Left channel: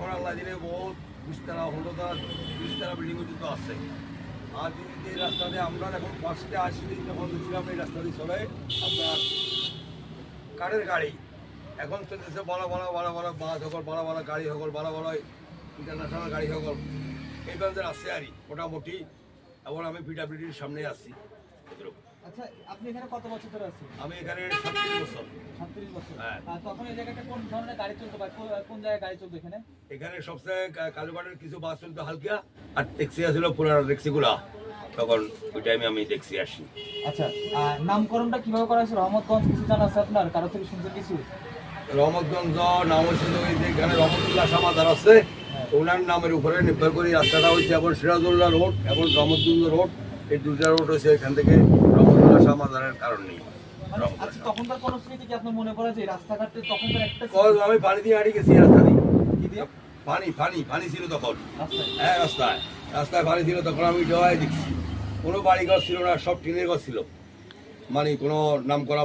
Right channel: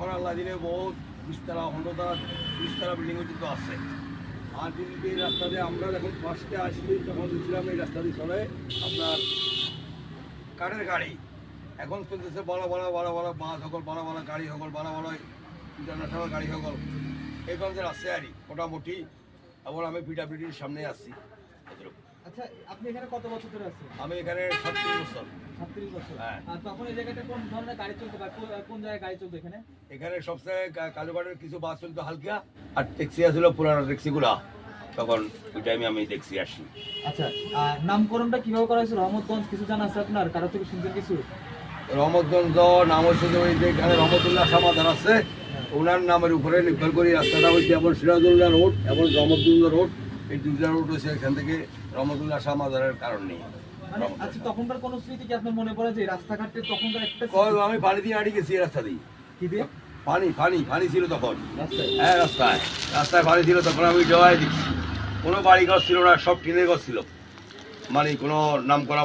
এখন আল্লাহ দিনে বহুত বিশতলা 15তলা 20তলা বিল্ডিং তো আছে। আর যদি এই রাস্তা দিয়ে আমরা যখন ফার্স্টে আসলি তখন দেখছিলাম এই রাস্তা দিয়ে চলে আপনার কাঠের গাড়ি। এখন চলতেছে বড় বড় বড় বড় বাস সকল বড় বড় গাড়ি সকল বড় বড় ইন্টারন্যাশনাল গাড়ি সকল এই ধরনের আছে আর মোটামুটি। এবং আমি পিডাব্লিউডির সামনে আসছি। আচ্ছা, আপনি এখানে কত বছর ধরে আছেন? আমি এখানে 37 বছর। 37 বছর। হ্যাঁ। আর তখন এই জায়গাটা কোন ধরনের গাড়ি চলতো বা কোন জায়গায় গাড়ি চলতো এখানে? এখানে সবচেয়ে কালুবাড়ির কিছু বাস চলতো হালকা, আর ট্যাক্সি আসলো পুরানো ট্যাক্সিগুলা। তখন ওই টাইমে আমি ট্যাক্সি আসি। আচ্ছা, নামকরণটা কিভাবে করা হয়েছে রহমতগঞ্জ কিছু জানা আছে আপনার? কারো থেকে শুনছেন কিছু? রহমতগঞ্জ নাম হয়েছে তো ওই যে এখানে রহমতুল্লাহ সমাদার আছে, ওনার নামের উপরে নির্ভর করে রাস্তাটা হয়েছে। এখন সিরাজুল্লাহ রোড, এখন রহমতুল্লাহ রোড, এই দুটা রোড হয়েছে। এখান থেকে রহমতুল্লাহ সমাদারের কারণ নেই। মানে আচ্ছা, তখনকার কোন স্মৃতি কি আপনার মনে পড়ে যে রাস্তাঘাটে তখনকার একটা আমি পানি দিয়ে হাঁটি গেছি এই রাস্তা দিয়ে। কি দিয়ে? পানি ছিল তখন। রাস্তায়? হ্যাঁ, রাস্তায় পানি ছিল তখন। আমি জবাই দিচ্ছি, কোনো বাড়ি ঘর ছিল না, সব টিনের ঘর ছিল, মানে কোনো নাম করা